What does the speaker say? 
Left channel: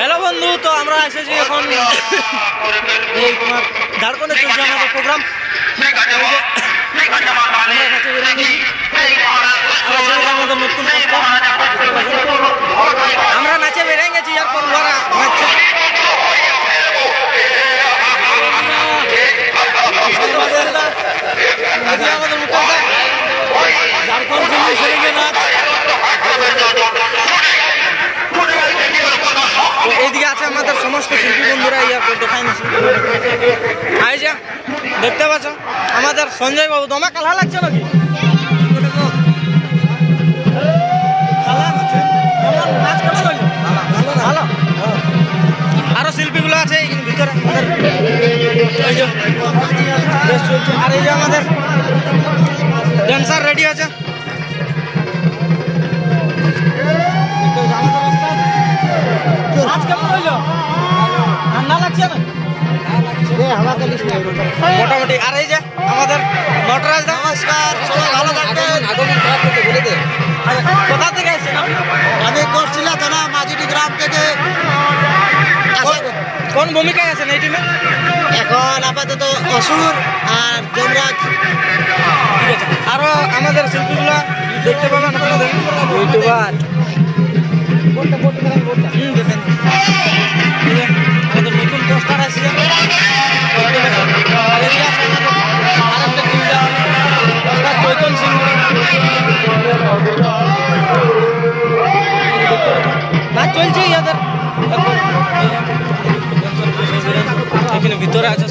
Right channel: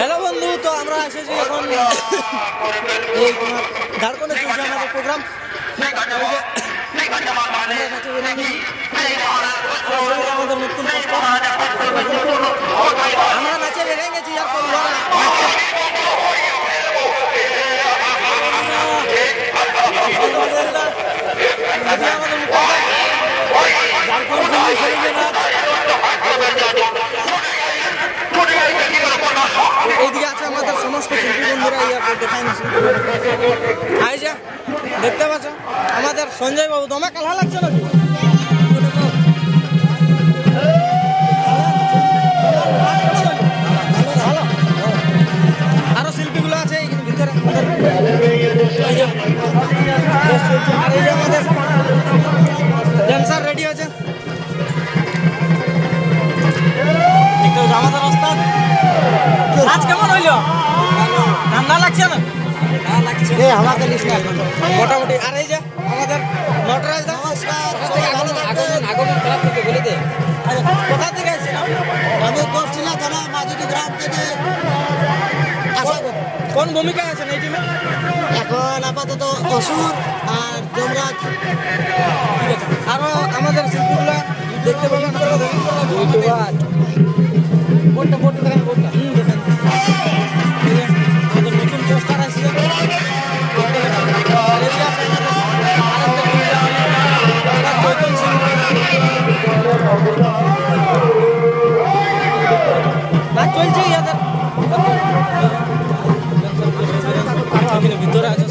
Hello বন্ধু, তো আমরা এসেছি এখন এই তোমার ঝাড়খণ্ডে চলছে আমাদের প্রোগ্রাম। আমাদের নতুন প্রস্তাব, আমরা নাচে বেরিয়ে গেছি। এরপর ওরা ঝাড়খণ্ড দিল্লি ছেড়ে গিয়ে নাচ। এইদিকে আছে আমাদের সমস্ত শিল্পী বন্ধুরা, ইয়ারপর দেখাই নিচ্ছি। আই যা দেখতে পাচ্ছ আমাদের সঞ্জয় বাবু, তোমার কালা লাগছে নাকি? আরো শিল্পীগুলো আছে ভিতরে। আর এই যে আমাদের ড্যান্সার রেডি আছে। ঠান্ডা লাগছে না? মোটামুটি। আর এই যে আমাদের নটরাজ, নমস্কার, ভালো থাকবেন। কোথা থেকে এসেছেন? আমি করছিলাম থানা মাঝিটি গ্রাম থেকে। কোন ভূমিকায় আছেন এই টিমে? এখন আপাতত অসুর আর যমরাজ। আরো আমাদের শিল্পীগুলা দেখতে পাবেন আপনাদের ইউটিউবার। দেখেন আমাদের নতুন পোস্টার আসছে। চৈতন সিং না চলছে ইয়াদের এখানে ভিতরে আছে